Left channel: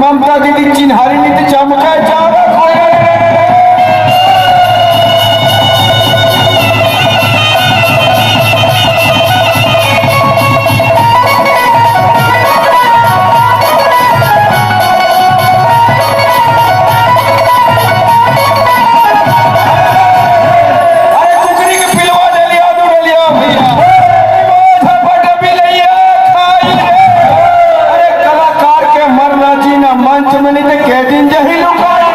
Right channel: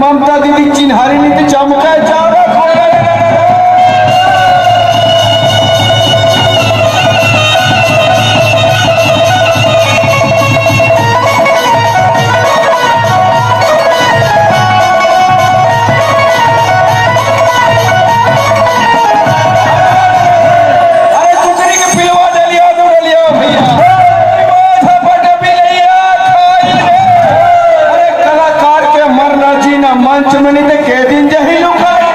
ममता दीदी चिन्हारी में तो चमका चावड़ा खाया मंच में नहीं कह दिन जही लुका